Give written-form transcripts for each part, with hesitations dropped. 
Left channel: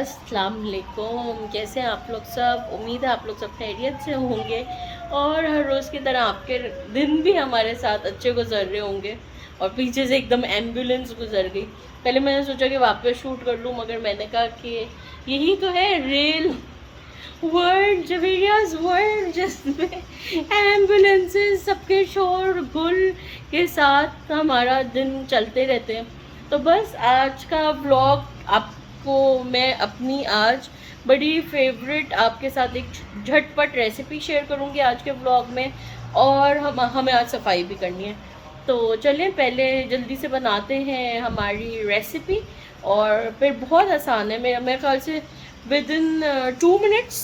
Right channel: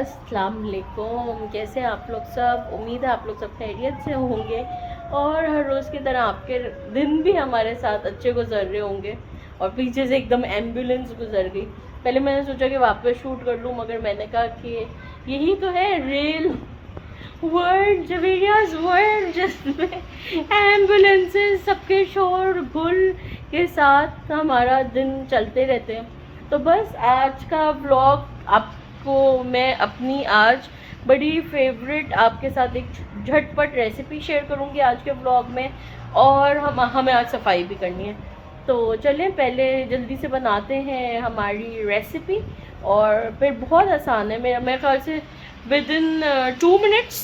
अस्सलाम वालेकुम। कैसे हैं आप लोग सब? उम्मीद है आप लोग सब खैरियत से होंगे और हर रोज़ की तरह आपके दिन भी हमारे साथ अच्छे गुजर रहे होंगे। और पीछे से एकदम एम्बुलेंस गुजर गई। पहले मैंने सोचा कि वापस शूट कर लूँ, मगर मैंने कहा कि यही तो है रियल वर्ल्ड, जवेरियाज वर्ल्ड, जिसमें एम्बुलेंसेस सबके शोर गुल के साथ हमारा दिन चलते रहते हैं। तो बस आज का व्लॉग आपको मैं अपनी आज बड़ी फेवरेट आपके साथ एक झटपट रेसिपी शेयर करूंगी आज के व्लॉग में। और हमें आज सफाई भी करनी है, तो चलें पहले जल्दी से बनाते हैं हमारी रेसिपी। और फिर बहुत आसान है, मेरे ख्याल से विद इन 2 मिनट्स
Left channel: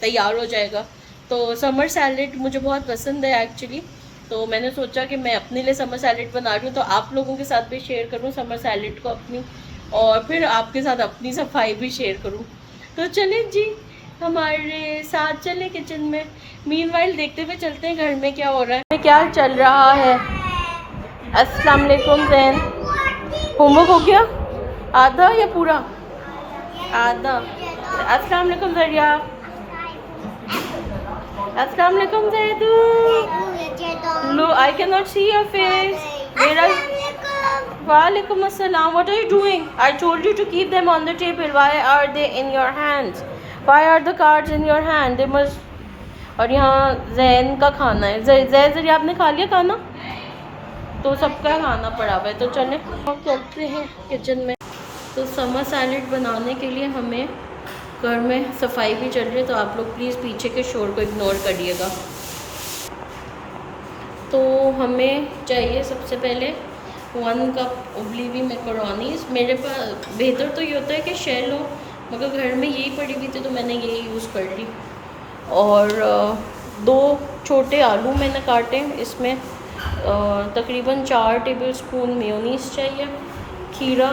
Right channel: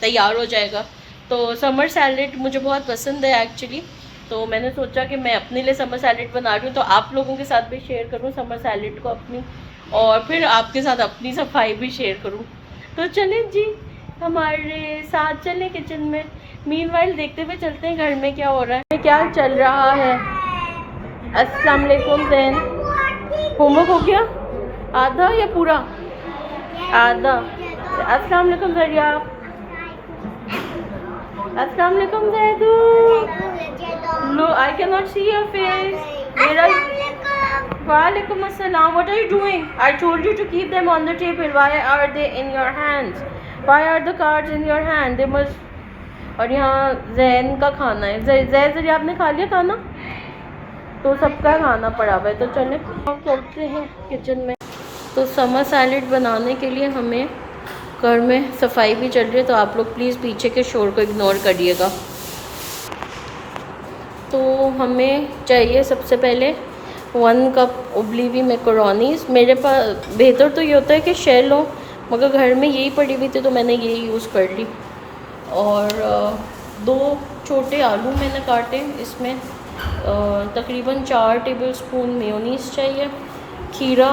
तैयार हो जाएगा। तो समर सैलेड मुझे बहुत पसंद है एक्चुअली, तो मैंने सोचा कि मैं अपने लिए समर सैलेड बना रही हूँ तो आप लोगों के साथ भी शेयर करूँ समर सैलेड को अपनी, और फिर आपके साथ अपनी सफाई भी शेयर करूँ। तो चलें जी, हमारे साथ चलें किचन में। मीनवाइल देखते हुए चलते हैं घर में क्या हो रहा है, क्या चल रहा है। अस्सलाम वालेकुम जैन, होमवर्क हो गया आधा या पूरा? आधा। अस्सलाम वालेकुम जरिया, अस्सलाम वालेकुम जैदू। लो, I can not see your face. Walaikum assalam. What are you doing? I told you to keep them on the table. Why are they in your hands? Why are the cards in your hand? They must. और यहाँ जैन का खाना है। जैन आपने खा लिया खाना? तो सबका खाना पड़ा हुआ है। तो चलें हम चलते हैं किचन में। तो समर सैलेड बनाने के लिए हमें घर में सफाई भी चल रही है, तो आप लोग प्लीज़ पीछे के शोर को इग्नोर करिएगा। तो हमें चाहिए सबसे पहले 1 कप उबली हुई मैकरोनीज़। मेरे पास बेहतर तो ये होता है कि शेल हो, मगर घर में यही पड़ी हुई थी तो मैंने यही यूज़ कर ली। और 2 छोटे आलू मैंने काटे। इसमें तकरीबन 4 टेबलस्पून मेयोनीज़ चाहिए। खीरा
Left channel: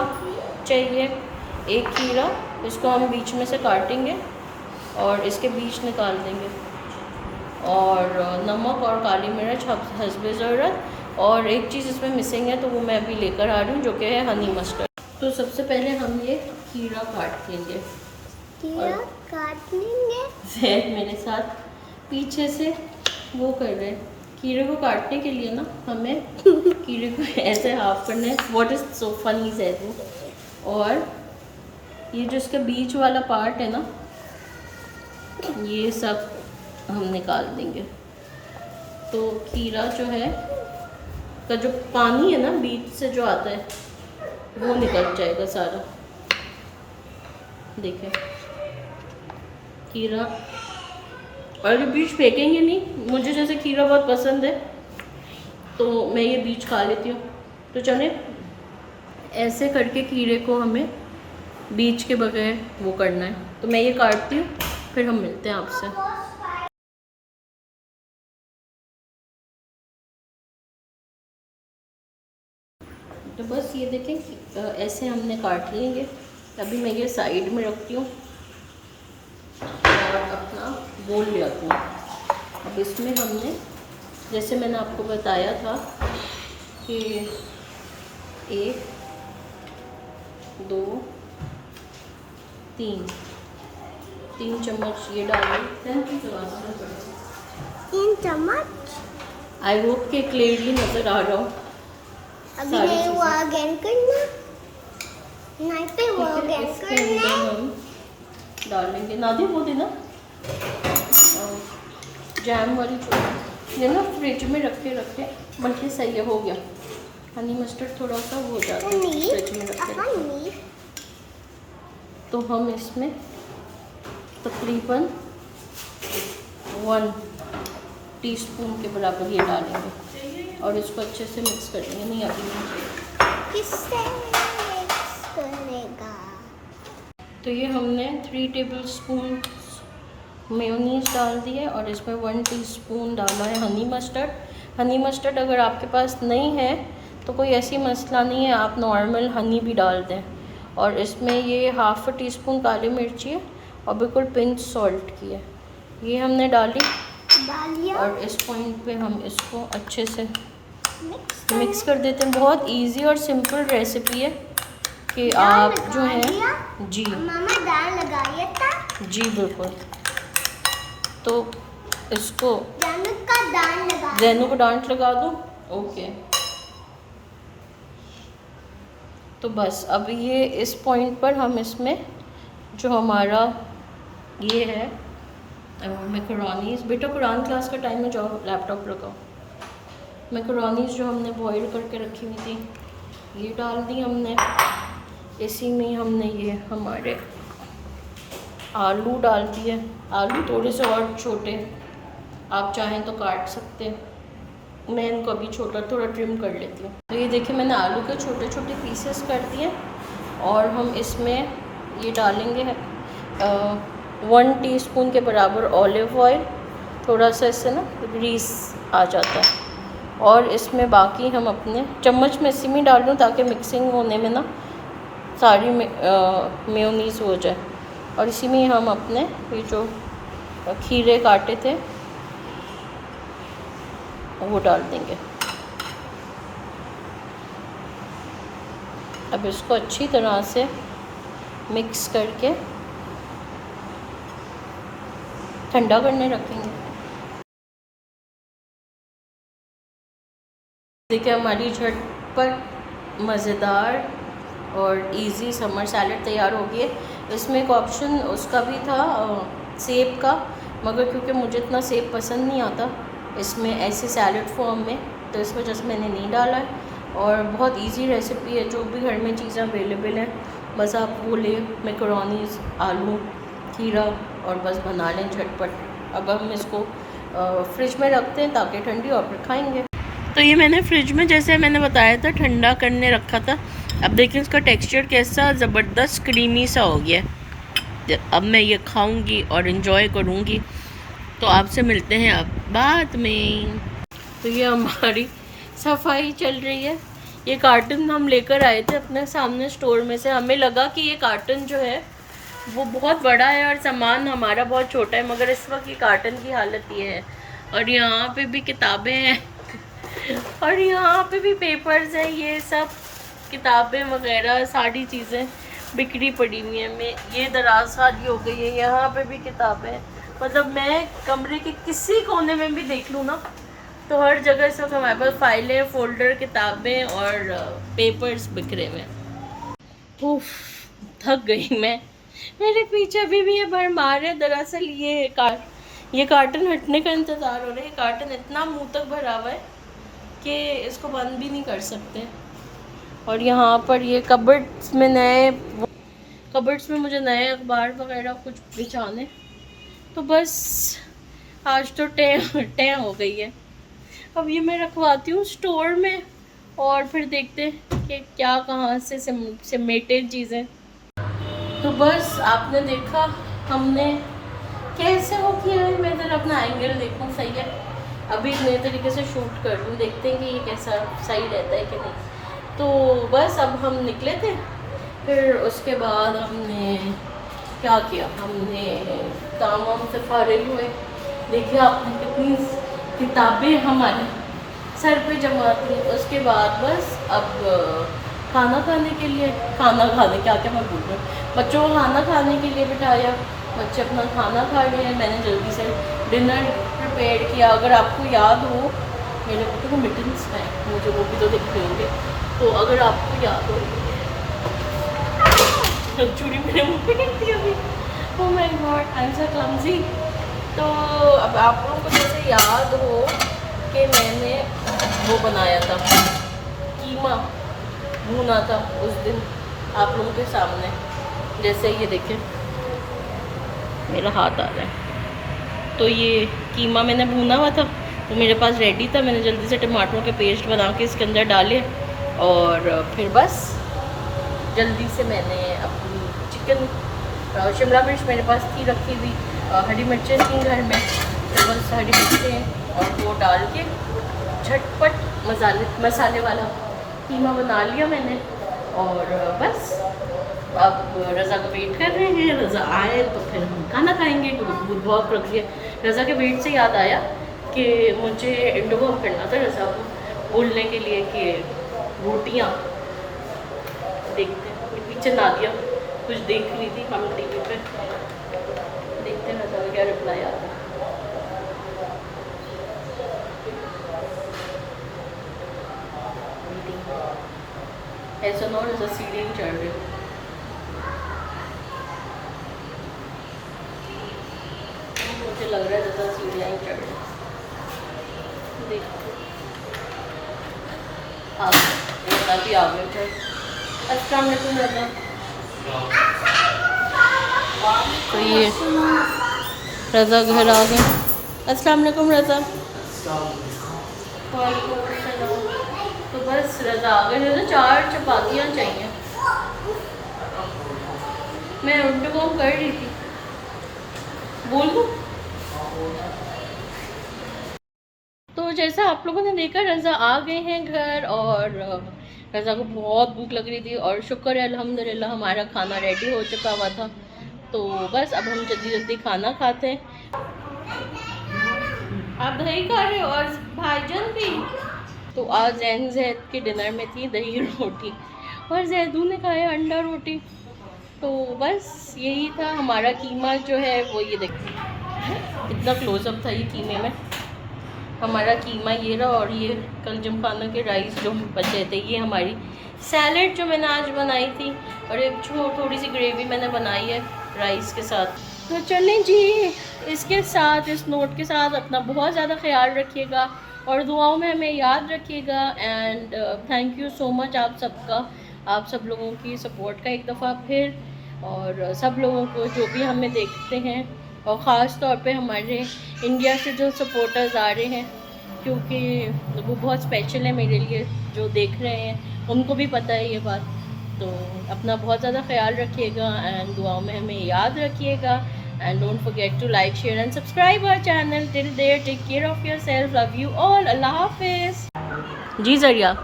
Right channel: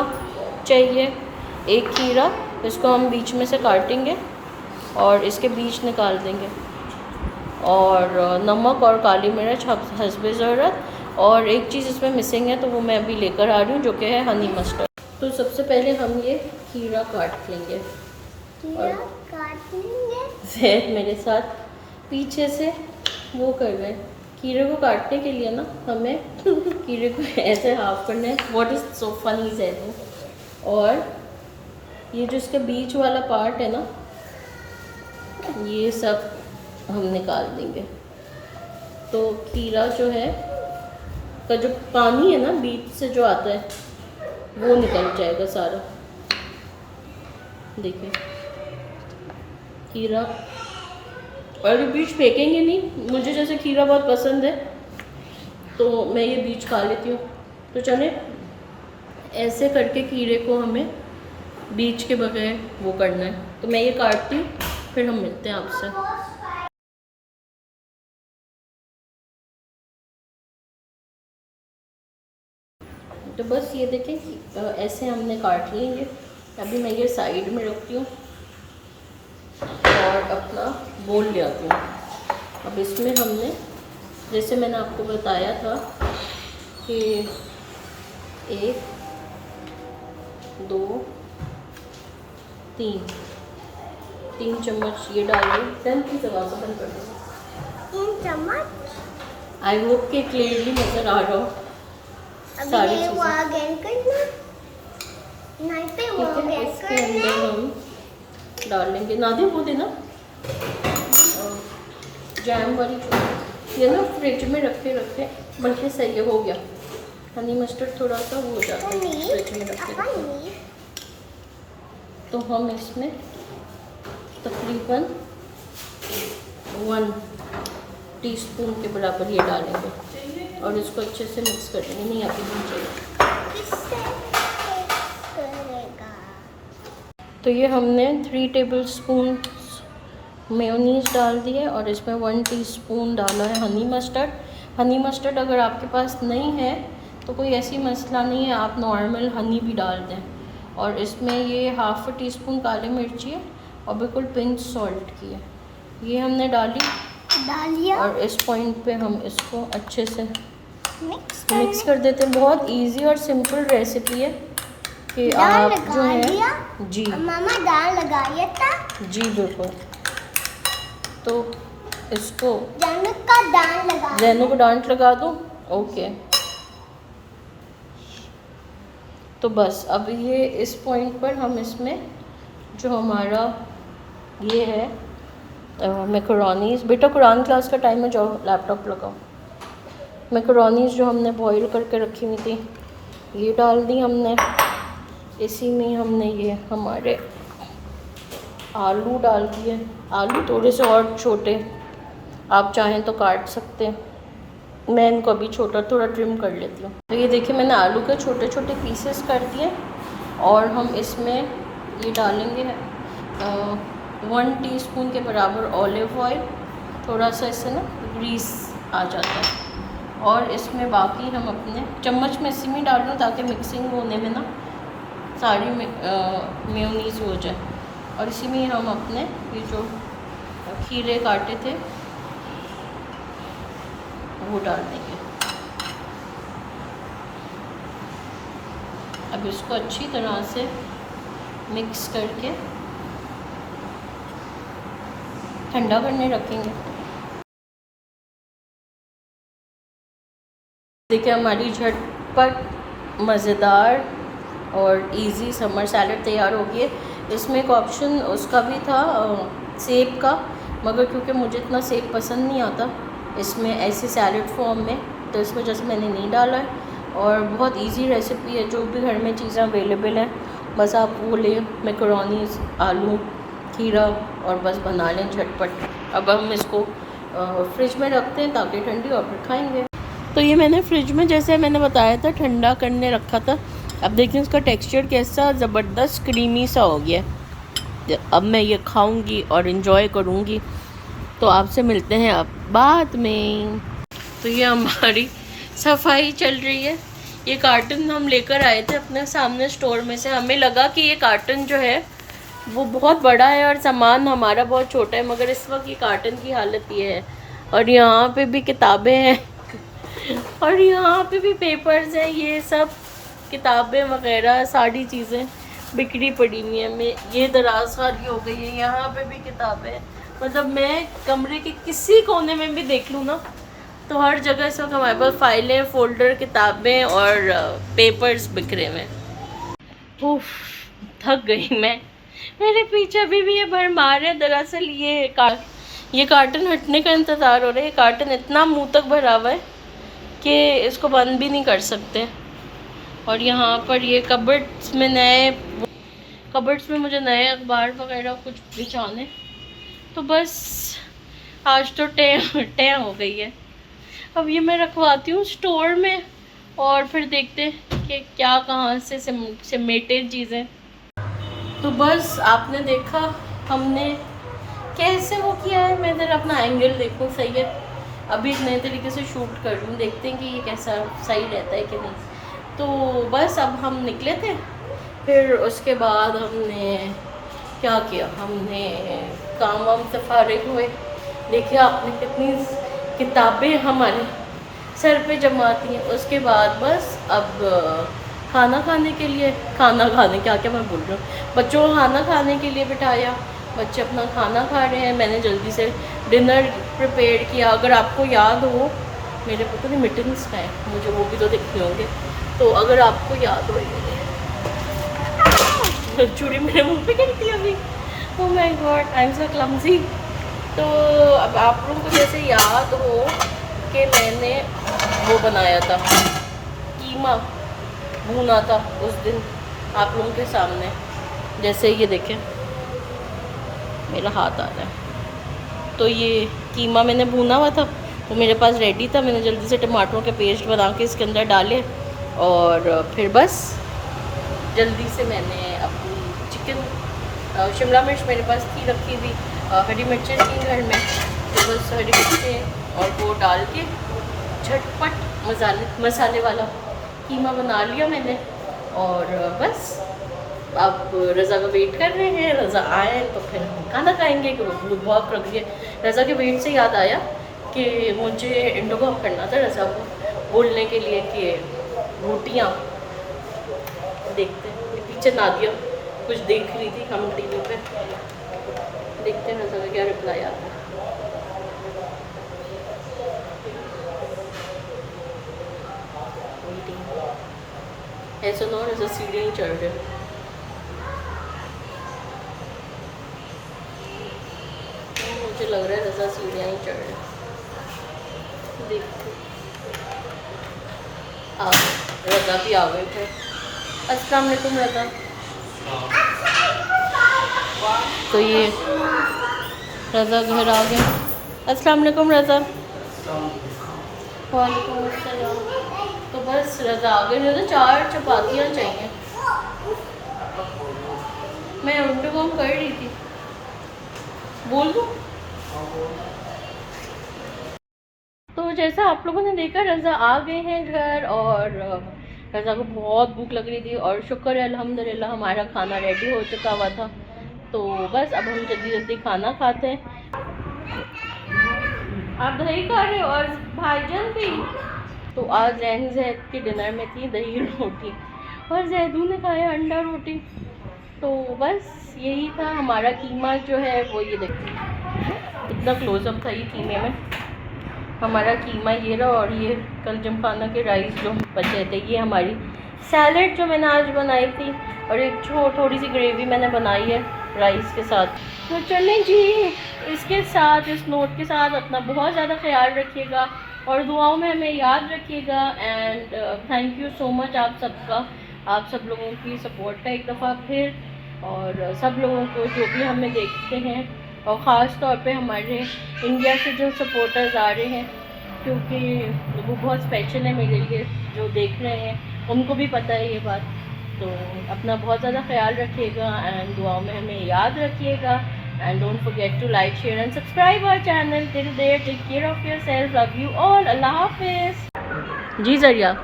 चाहिए, 1 खीरा, इसको हम बीच में से काटेंगे और इसके बीज निकाल देंगे। और नमक और काली मिर्च हस्बे ज़रूरत। और एक चीज़ इसमें मिसिंग है तो वो मैं अभी लेकर आ रही हूँ, जो कि है हनी मस्टर्ड। तो सबसे पहले हम ये खीरा काट लेंगे। और जैद मेरे साथ पीछे से वो कर रहे हैं। खीरे को काटने के लिए ना हमें खीरे को ऐसे हाफ करना है। What is so funny Zaid. और ये जो इसका बीच वाला पार्ट है ना, ये सब हम निकाल देंगे। तो खीरा जो है का जो पानी है ना बीच से जो आता है वो निकल जाएगा सारा। देखें खीरा, और ये बीज फेंकेंगे नहीं। मुझे जैसे खीरा बहुत पसंद है तो मैं ये बीज खा लेती हूँ। तो चले ऐसे करके खीरे को हमें बीज के बगैर वो करना है। तो मैं ये काटती हूँ, फिर हम मिलते हैं आपसे। तो बस ये देखें ऐसे हमने काट लिए ये। अभी मैं ये साइड में रखती हूँ और अपना बोल ले आती हूँ। अब इसमें हमने जैसे मैंने आपको बताया था कि 1 2 3 चम्मच ये डालिए। 10 की आवाज़ बंद कर दो। 3 चम्मच। आई होप कि क्लियरली नज़र आ रहा हो सारी चीज़ें। ठीक है, इसके अंदर हम डालेंगे नादी वो देना जैम वाली ये ना फ्रिज में रखे रखे, बल्कि सही हो गया। हनी मस्टर्ड थोड़ा सा वो हो जाता है फ्रिज में रखे रखे। तो हम इसमें तकरीबन 1 टीस्पून के बराबर ये डालेंगे और इसको अच्छे से मिक्स कर देंगे। नहीं अभी नहीं चाहिए। तो ये हमने 3 टेबलस्पून मेयोनीज़ डाल दी है और इसमें 1 टीस्पून डाला है हनी मस्टर्ड। हनी मस्टर्ड अगर आपके पास नहीं है तो कोई ऐसी मसला नहीं है, आप नॉर्मल हनी भी डाल दें। और इसमें ये 1/2 टीस्पून काली मिर्ची है और बिल्कुल पिंच सॉल्ट की है, ये हमने डाली। और इस पॉइंट पे हम इसको अच्छे से मिक्स कर देते हैं। बहुत इजी और सिंपल रेसिपी है कि आप जो है जी मामा दाल लगाया था। जी बिल्कुल। तो इसको जानू का दाल लगा। जैनू को डांट लगा दूँ? ओके। तो बस अब ये इस पॉइंट पर हम इसमें जो हमारा ये है मैकरोनीज, बेटा कुरान क्लास का टाइम है, जाओ लैपटॉप लगाओ। मैकरोनीज जो हमने बॉईल करके रखी हुई थी ये डाल दी हमने। इसी में हमने ये हमारे आलू डाल दिए। आलू थोड़े से और छोटे, आप चाहें तो काट सकते हैं, मैं इनको अभी छोटा थोड़ा ट्रिम कर लेती हूँ। तो ये देखिए मैंने आलू के छोटे छोटे पीसेस कर दिए और हम इसमें ये डालेंगे 1 टीस्पून के बराबर ऑलिव ऑयल। थोड़ा सा इससे ना ग्रीस आ जाता है। और इसमें बाकी हम अपने चम्मच में इसी में डाल दूँ ताकि मिक्सिंग होने में ना सारी मेयोनीज़ हो जाए। और इसी में हम अपने ये जो खीरे काटे थे वो डाल देंगे। अब इसको अच्छी तरह से मिक्स करके ठंडा करने रखेंगे। देखिए हमारी झटपट मज़ेदार और इजी समर सैलड तैयार हो गई है। इसमें एक ऑप्शन उसका भी था सेब का, मगर क्योंकि मुझे इतना सेब पसंद नहीं आता इसमें ऐसे सैलड फॉर्म में, तो इस वजह से मैंने नहीं डाला है। और बहुत इजी रेसिपी है, जो भी घर में चीज़ें अवेलेबल हैं बस आप वो लें, मैकरोनीज़, आलू, खीरा, और बस बना लें झटपट। अब हम इसको फ्रिज में रखते हैं ताकि ठंडी और फिर खाएँगे। तो ये मैंने फ्रिज में जैसे मैंने बताया था ठंडा करने रखा था। अब देखिए इसका टेक्सचर कैसा ज़बरदस्त क्रीमी सा हो गया है। अब मैं ये खाऊंगी और इन्जॉय करूंगी। तो आपसे मिलते हैं अब बाद में। तो ये हमारी सफाई चल रही है। ये कार्टन हम लेकर आए थे अपने सामने स्टोर में से। हमें लगा कि ये कार्टन जो है वो बहुत बड़ा है और सामान हमारा बहुत छोटा है, मगर इस वक्त ये कार्टन की हालत ये है। और यहाँ पे भी किताबें हैं और यहाँ पे भी पेपर्स हैं, ये सब किताबें वगैरह सारी चीज़ें बिखरी पड़ी हुई हैं। मैं ये दराज सारी हो गई है, यहाँ पे भी किताबें, मतलब मैं कमरे के किसी कोने में भी देख लूँ ना तो हर जगह इस वक्त हमारे पास फाइलें, फोल्डर, किताबें और पेपर्स बिखरे हुए हैं। उफ, थक गई मैं। मेरे पीछे अभी भी ये भरमार है। दरअसल ये कार्टन हटने का इंतज़ार हो रहा है। ये कार्टन इतना मुँह तक भरा हुआ है कि इसको बंद भी नहीं कर सकते। और यहाँ पर ये कबर्ड्स में मुझे नए अखबार वगैरह कुछ बिछाने, तो बस आज तो टे हो गई है। अब ये मैं रखवाती हूँ स्टोर में और फिर देखते हैं कि क्या कहाँ से समेटे चीज़ें। तो बस आपने देखा हमने कैसे वो किया है। मैं इधर अपना एंगल देखूँ, सही है। अभी नए तरीके से शूट कर लूँ, देखते हैं कि ये कैसा सही रहता है कि नहीं। तो बस अब हम निकले थे, फिर उसके बाद हमने क्या किया, हमने काम वाम से फारिग हुए। देखिए आपने कितनी किताबें हमारे सर पे जमाती हैं। उसके बाद बस अब खाना खाने के लिए क्या मैं बोल रही हूँ, बच्चों को खाना खाने के लिए बिठाया। बच्चे अपना खाना खा रहे हैं। मैंने जल्दी से डिनर प्रिपेयर किया। अगर आपको याद हो, मेरे पता नहीं मिटन्स हैं, मुझे वो भी तो देखने होंगे। तो अगर आपको याद हो, चूड़ी मेरे मुंह पे गिरती है अभी। Oh my God, I am so clumsy. तो अब आप लोगों को जैसे याद हो कि मैंने वो बनाया था, कीमा भूना था उस दिन आप लोगों के सामने। जैसे ये देखें मेरा हाथ आ रहा है, तो ये कीमा मैंने भूना हुआ था, वो मेरे पास रेडी था। मैंने जल्दी से टमाटरों के पेस्ट बना के इसके अंदर डाले और फिर बस जल्दी से मैंने अपनी चिकन, शिमला मिर्च मेरे पास थी रखी हुई, हरी मिर्चें थी घर में, तो बस हरी मिर्चें और वो डाल के झटपट मसाले वाला कीमा बना लिया मैंने। और बस अब रज़ा का वेट कर रहे हैं। रज़ा आए तो फिर हम खाना खाएंगे, क्योंकि दूध बहुत रख गए। रज़ा के वेट से याद आया कि मुझे इंडोबॉक करना था रज़ा को बोलने के लिए कि रोटियाँ, देखते हैं पीछे नादिया कुछ देख रही थी हम टीवी पे। देखते हैं रज़ा का क्या रिप्लाई आता है। ऐसा ना जैसे सीढ़ी नहीं चढ़ रहे। मुझे लग रहा है रज़ा सीढ़ियाँ ही चढ़ रहे। देखते आ गए, रज़ा भी आ गए थे। अस्सलाम वालेकुम रज़ा। तो ये रज़ा घर आ गए। अस्सलाम वालेकुम रज़ा। वालेकुम अस्सलाम। तो बस रज़ा आ गए। मुझे 4 चपातियाँ चाहिए। मैं उल्टू काम कर रही थी। बोल दूँ? तो जैसा आप लोगों ने देखा रज़ा आ गए हैं घर, और रज़ा को बहुत भूख लग रही थी और शुक्र है अल्हम्दुलिल्लाह हमारा खाना रेडी हो चुका हुआ था। तो बस अब हम जल्दी जल्दी खाना खाते हैं। आप दही खा रहे हो और भाईजान भी। तो आज जैद के डिनर में थी दही रोटी और जैदू ने खाया अंडा रोटी। तो बस यही था हमारा कीमा जो है वो, ये देखिए इतना क्लोजअप था ये कीमे में। हमारा कीमा ये रहा, और ये कल जमखाना के राइस जो बचे थे, ये हमारी सैलेड जो मैंने आज बनाई थी, और एक थोड़ी सी ग्रेवी मैंने बनाई है राइस के साथ। तो चलें जी, इसके साथ, इस नोट के साथ अपना बहुत ज़्यादा ख्याल रखिएगा और दुआओं में हमें याद रखिएगा। And thank you so much आप सबका, आप सब लोगों की सपोर्ट का एक दफ़ा फिर, और सब लोगों को जो भी हमें देखते हैं, और ख़ास तौर पे हमारे इंडिया से जो सपोर्टर्स आ रहे हैं, क्योंकि वो बहुत स्पेशल है मेरे लिए, जो देख रहे हैं उनको भी पता है ये बात। तो अपना बहुत ज़्यादा ख्याल रखिएगा एंड दुआओं में हमें याद रखिएगा। And don't forget to like, share and subscribe our channel. Till there take care of yourself, love you all, Allah हाफिज़। जी ज़रिया,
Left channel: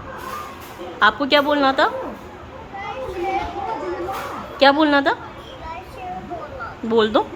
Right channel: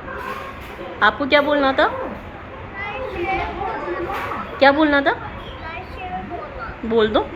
आपको क्या बोलना था? क्या बोलना था? बोल दो।